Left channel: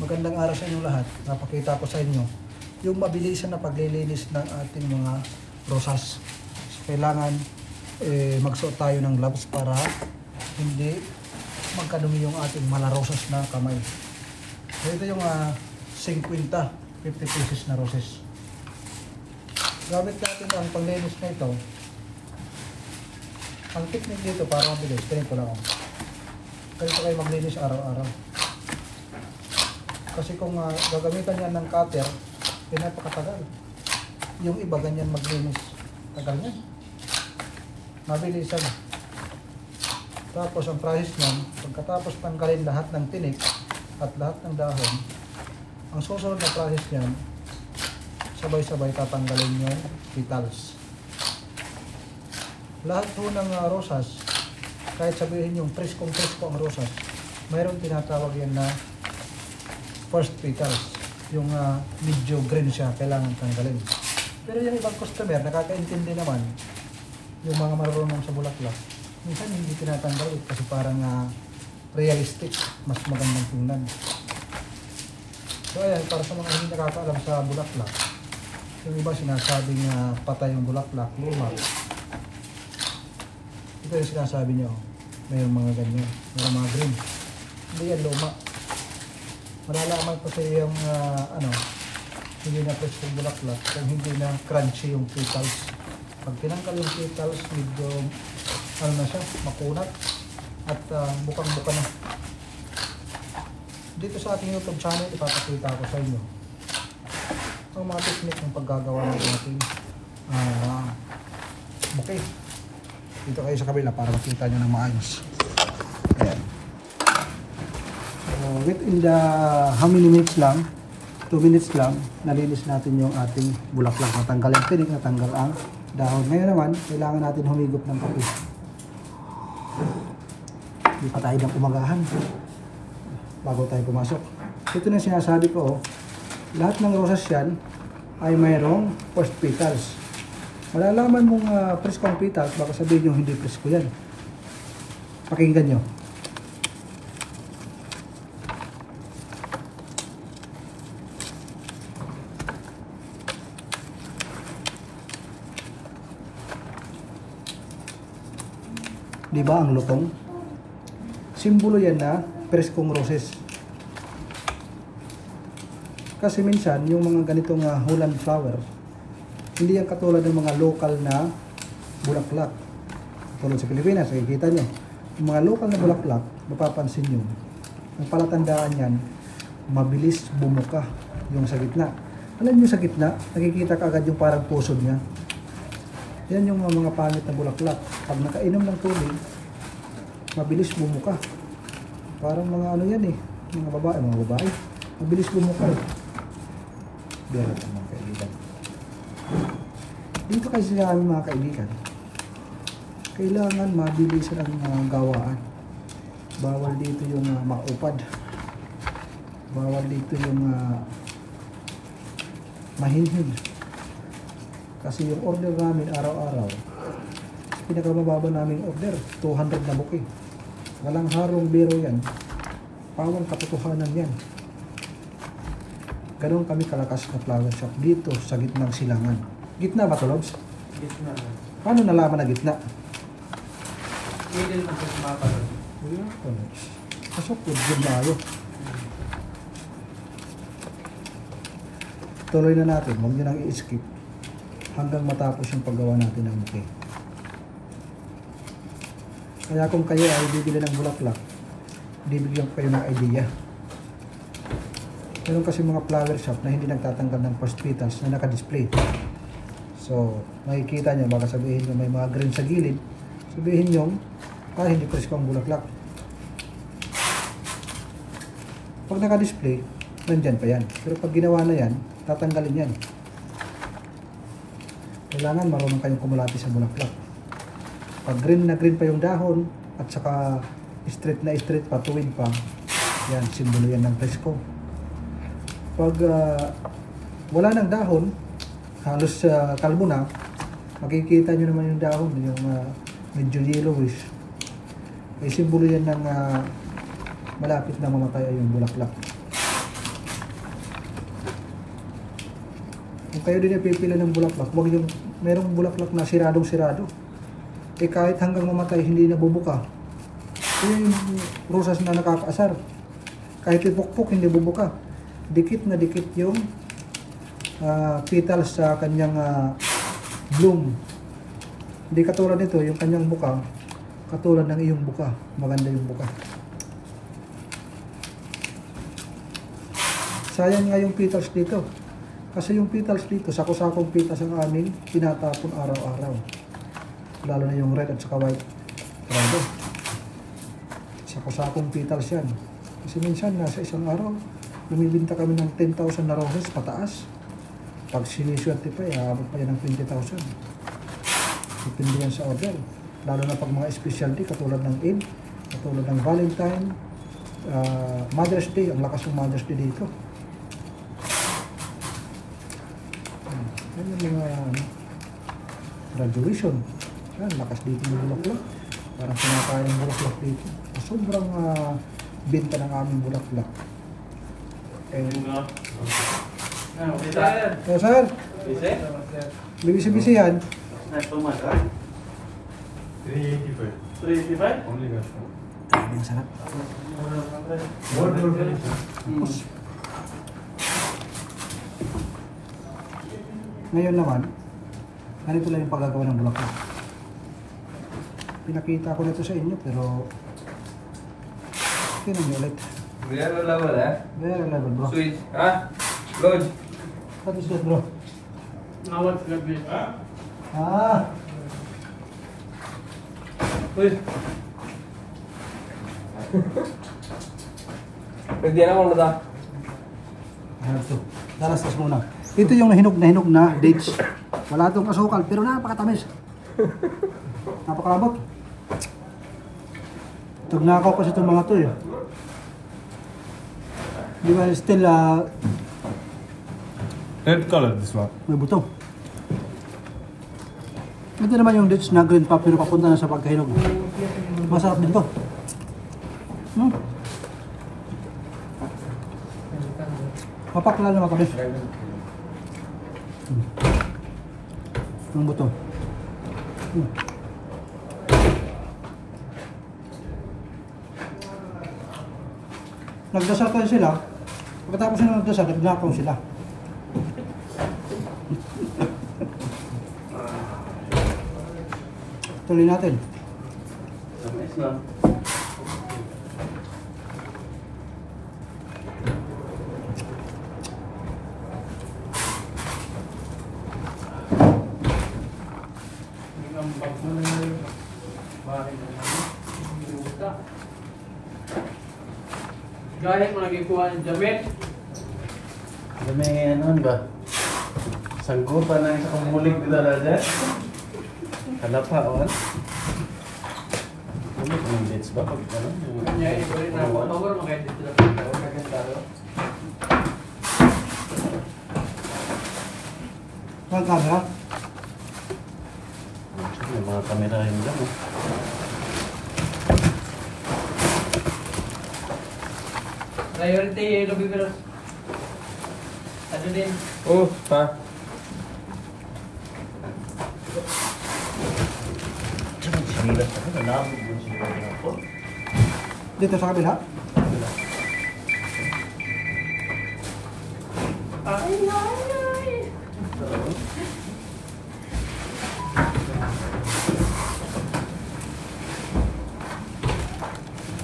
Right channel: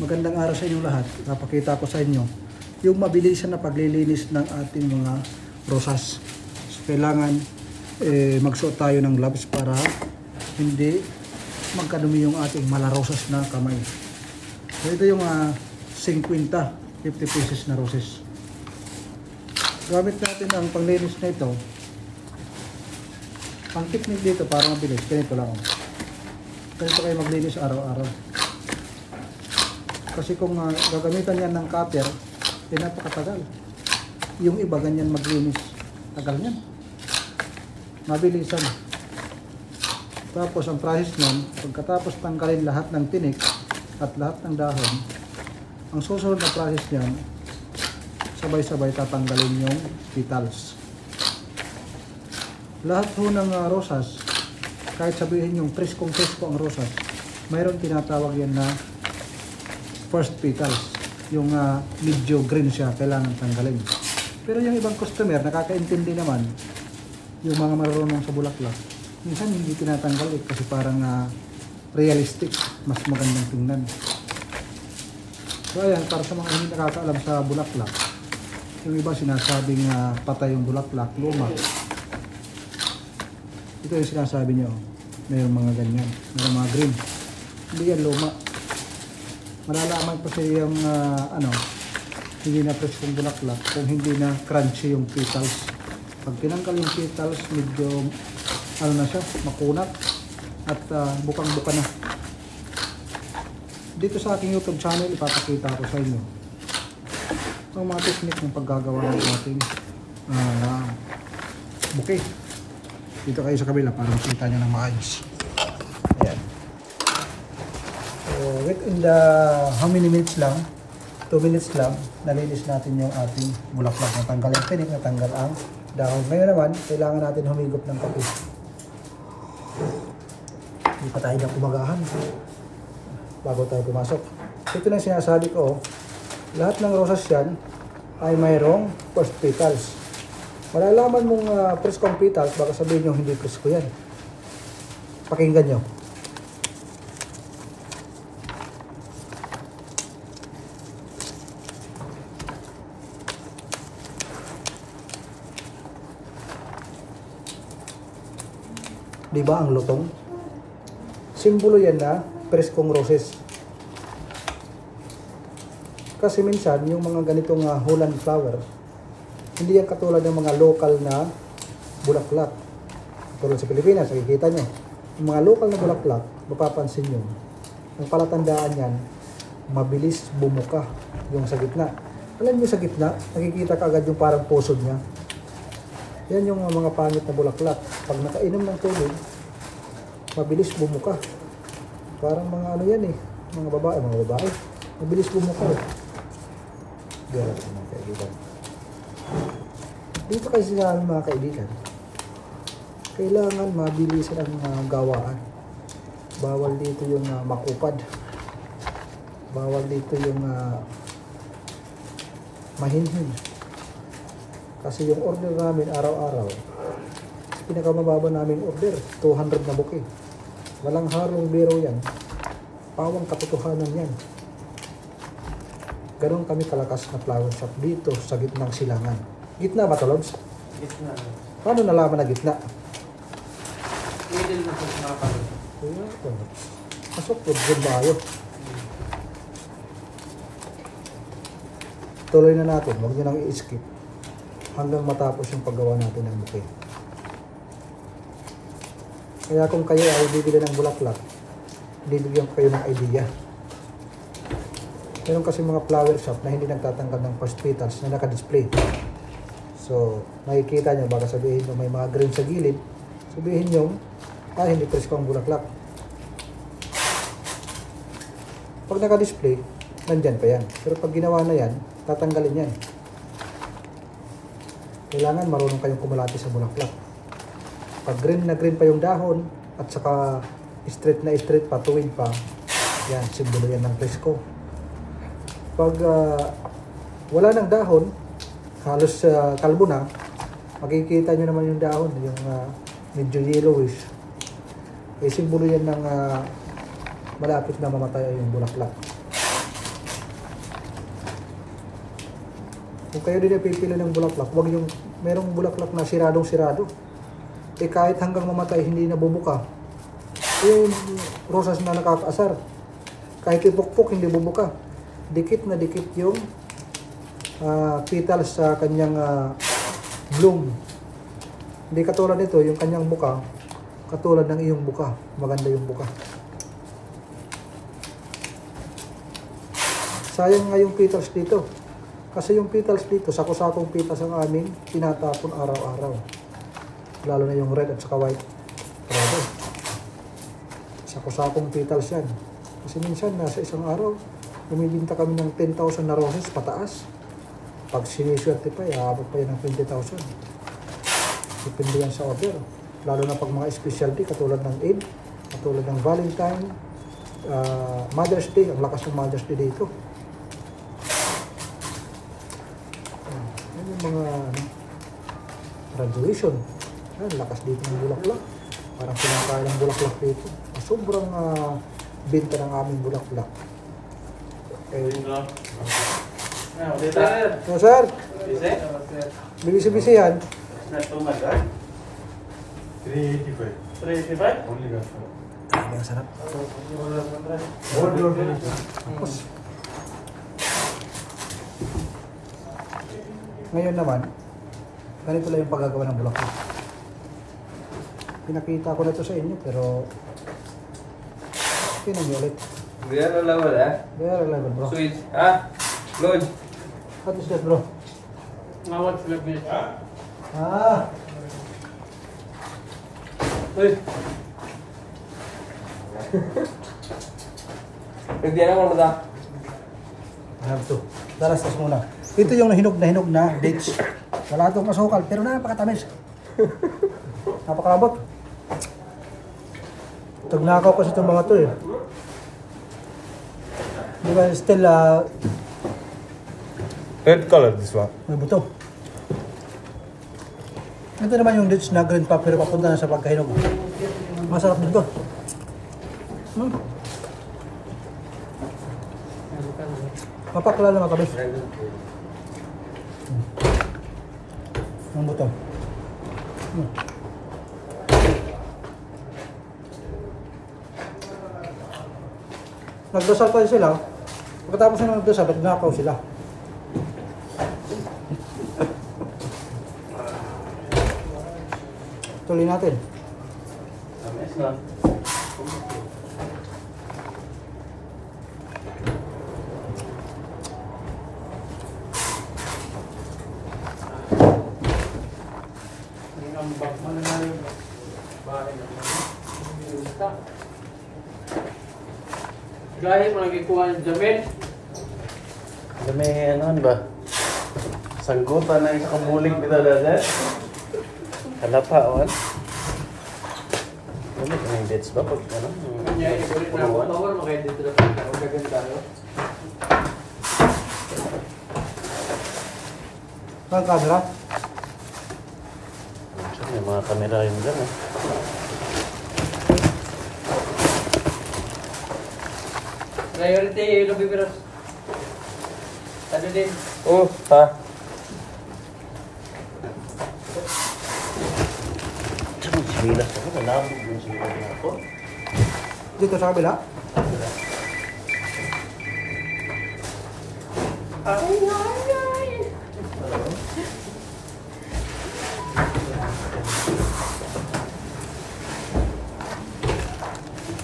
Magandang araw sa inyong lahat. Napakita ko sa inyo yung mabilisan na paglilinis ng ating mga rosas. So, kailangan magsuot tayo ng gloves para hindi magkadumi yung ating malarosas na kamay. So, ito yung 50 pesos na roses. Gamit natin ang panglinis na ito. Ang technique dito para mabilis, ganito lang. Ganito kayo maglinis araw-araw. Kasi kung gagamitan yan ng cutter, napakatagal. Yung iba ganyan maglinis, tagal yan. Mabilisan. Tapos ang process nyan, pagkatapos tanggalin lahat ng tinik at lahat ng dahon, ang susunod na process nyan, sabay-sabay tatanggalin yung petals. Lahat po ng rosas, kahit sabihin yung presko ang rosas, mayroon tinatawag yan na first petals. Yung medyo green siya, kailangan tanggalin. Pero yung ibang customer, nakakaintindi naman, yung mga marunong sa bulaklak, minsan hindi tinatanggal kasi parang realistic, mas magandang tingnan. So ayan, para sa mga hindi nakakaalam sa bulaklak, yung iba sinasabing patay yung bulaklak, luma. Ito yung sinasabi nyo, mayroong mga ganyan, mayroong mga green. Hindi yan luma. Malalaman po sa yung hindi na fresh yung bulaklak kung hindi na crunchy yung petals. Pag tinanggal yung petals, medyo na siya, makunat at bukang-buka na. Dito sa ating YouTube channel, ipapakita ko sa inyo ang mga technique ng paggagawa ng ating bouquet. Dito kayo sa kabila para makita nyo ng maayos. Ayan. So, within the how many minutes lang, 2 minutes lang, nalinis natin yung ating bulaklak. Natanggal yung pinik, natanggal ang dahon. Ngayon naman, kailangan natin humigop ng kape. Hindi pa tayo ng umagahan bago tayo pumasok. Ito na sinasabi ko, lahat ng rosas yan ay mayroong first petals. Malalaman mong preskong petals, baka sabihin nyo hindi presko yan. Pakinggan nyo. Diba ang lutong? Simbolo yan na preskong roses. Kasi minsan, yung mga ganitong Holland flower, hindi yan katulad ng mga local na bulaklak. Katulad sa Pilipinas, nakikita nyo. Yung mga local na bulaklak, mapapansin nyo. Ang palatandaan yan, mabilis bumuka yung sa gitna. Alam nyo sa gitna, nakikita ka agad yung parang puso niya. Yan yung mga pangit na bulaklak. Pag nakainom ng tubig, mabilis bumuka. Parang mga ano yan mga babae. Mabilis bumuka Yan mga kaibigan. Dito kasi sa amin mga kaibigan, kailangan mabilis ang gawaan. Bawal dito yung makupad. Bawal dito yung mahinhin. Kasi yung order namin araw-araw, pinakamababa namin order, 200 na bouquet. Walang harong biro yan. Pawang katotohanan yan. Ganon kami kalakas na flower shop dito sa gitnang silangan. Gitna ba ito, Lobs? Gitna. Paano nalaman na gitna? Hindi mo sa mga kapatid. Kuya ito, Lobs. Pasok po, dyan tayo. Tuloy na natin, huwag nyo nang i-skip hanggang matapos yung paggawa natin ng bouquet. Kaya kung kayo ay bibili ng bulaklak, bibigyan ko kayo ng idea. Meron kasi mga flower shop na hindi nagtatanggal ng first petals na naka-display. So, makikita nyo, baka sabihin nyo may mga green sa gilid, sabihin nyo, hindi presko ang bulaklak. Pag naka-display, nandyan pa yan. Pero pag ginawa na yan, tatanggalin yan. Kailangan marunong kayong kumulati sa bulaklak. Pag green na green pa yung dahon at saka straight na straight pa, tuwid pa, yan, simbolo yan ng presko. Pag wala ng dahon, halos kalbo na, makikita nyo naman yung dahon, yung medyo yellowish. Simbolo yan ng malapit na mamatay yung bulaklak. kayo din ay pipili ng bulaklak, huwag yung merong bulaklak na siradong-sirado. Eh kahit hanggang mamatay hindi nabubuka. Yung rosas na nakakaasar. Kahit ipukpok hindi bubuka. Dikit na dikit yung petals sa kanyang bloom. Hindi katulad nito, yung kanyang buka, katulad ng iyong buka. Maganda yung buka. Sayang nga yung petals dito. Kasi yung petals dito, sako-sakong petals ang amin, tinatapon araw-araw. Lalo na yung red at saka white. Grabe. Sako-sakong petals yan. Kasi minsan, nasa isang araw, bumibinta kami ng 10,000 na roses pataas. Pag siniswerte pa, iabot pa yan ng 20,000. Depende yan sa order. Lalo na pag mga specialty, katulad ng Eid, katulad ng Valentine, Mother's Day, ang lakas ng Mother's Day dito. Yung mga graduation, lakas dito ng bulaklak. Parang pinakain ng bulaklak dito. Sobrang benta ng aming bulaklak. So sir, bibisi-bisi yan. 385. Only gas. Ang sarap. Ngayon naman, ganito lang yung paggagawa ng bulaklak. Pinakita ko na ito sa inyo, pero tingnan nyo ulit. Real level, eh? Very level, bro. Sweet. Ah? Lodge. What is that, bro? How much will be? Uy. Pwede na mo na. Have to. Dalastas muna. Ito yung nahinog na dates. Wala itong kasukal, pero napakatamis. Napakalabot. Tagnakaw kasi itong mga to eh. Di ba still Red color, this one. may buto. Ito naman yung dates na green pa pero papunta na sa pagkahinog. Masarap din to. Mapakla na matamis. Ang buto. Nagdasal tayo sila. Pagkatapos na nagdasal, nagnakaw sila. Tuloy natin. Gaya mo lagi kuha ng jamit. May ano ba? Sanggutan na yung kamuling dito dada. Kalapa o ano? May dates ba pag ano? Kanya ikulit na ako. Mawar magaya dito na pagka. Magaganda tayo. Ang camera. May mga kamera yun dyan. Priority yung lobby virus. Ano din? Ha? Silas ako. Alam mo yung silas ako. Dito sa kabila.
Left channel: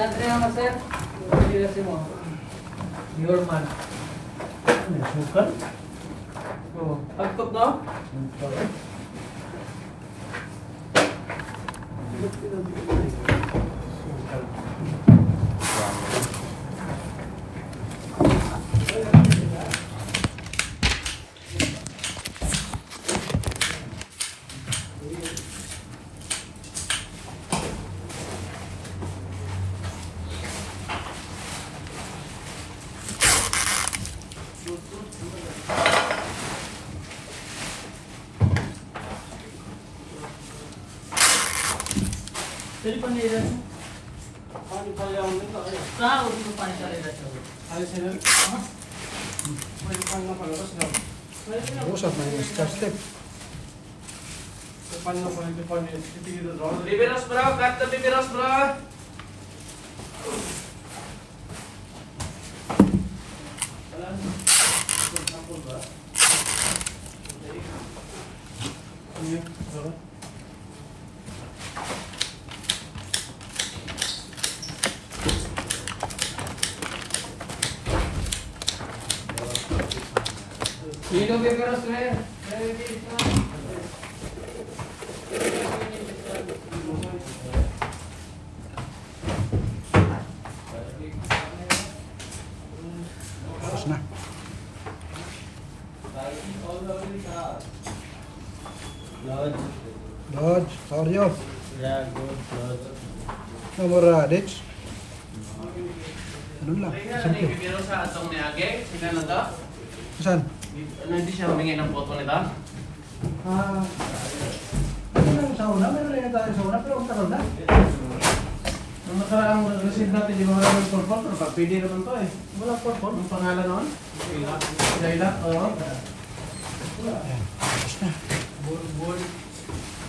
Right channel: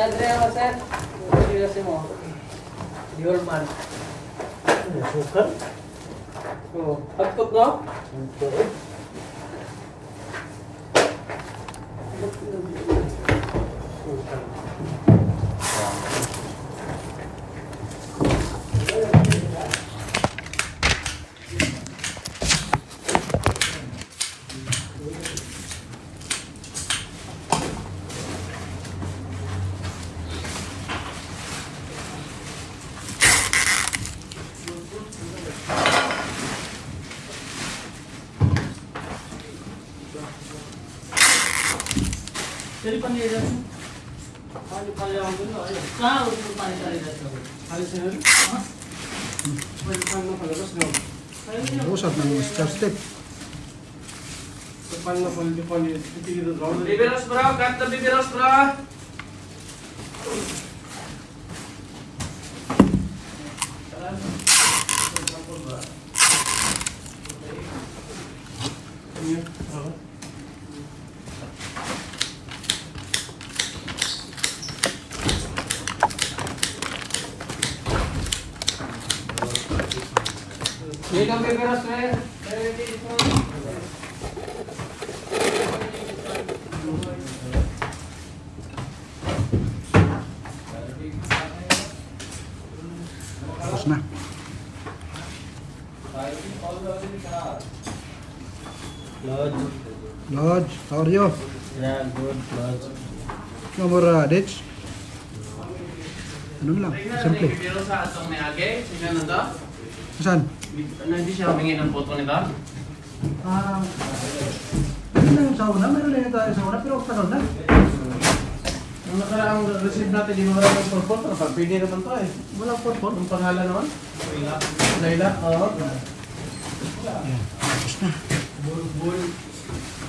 Nandre naman sir. Pagkirasin mo. Your man. Sukar? Oh, pagtok no? Jadi panggil Paano kaya ang nila? Saan? Paano kaya nila? Alis nila? Pwede pa nga palabas na. Usap ng start step. Bibiros bro, cut the bibiros bro. Dito bibiros bro. Tapos na. Lodge, how are you? Yeah, good. No more dates? Ano lang, simple. Pero sa atong ni Age, sila na to? Saan? Hindi siya humingi ng photo nito? Ano lang sa una? Meron din tayo sa una, pero ang tagal na. Ang nakaraang receive natin, di ba wala ng photo? Pero pag pwede naman to eh. Wala purpose. Ang pangalan naman? Layla. Oo. Tapos na.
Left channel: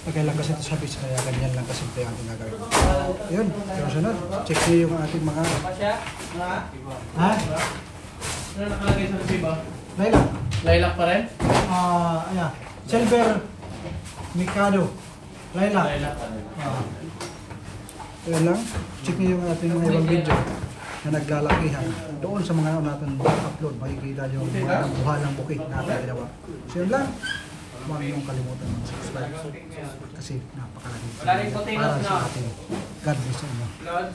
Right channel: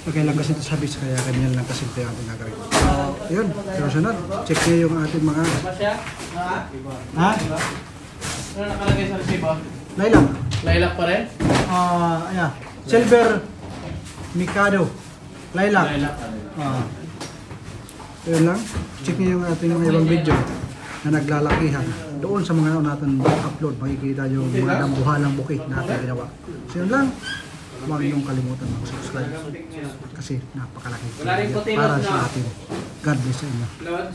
Okay lang kasi ito sabi, kaya ganyan lang kasi ito yung ating gagawin. Yun, sunod. Check niyo yung ating mga... Apa siya? Ha? Ano nakalagay sa resibo? Layla. Layla pa rin? Ayan. Silver Mikado. Layla. Layla pa rin. Yun lang. Check niyo yung ating mga ibang video na naglalakihan. Doon sa mga natin upload, makikita yung mga dambuhalang bukid na ating ginawa. So yun lang. Huwag niyong kalimutan mag-subscribe kasi napakalaki Wala rin puti, para no? sa atin. God bless sa inyo. Lord.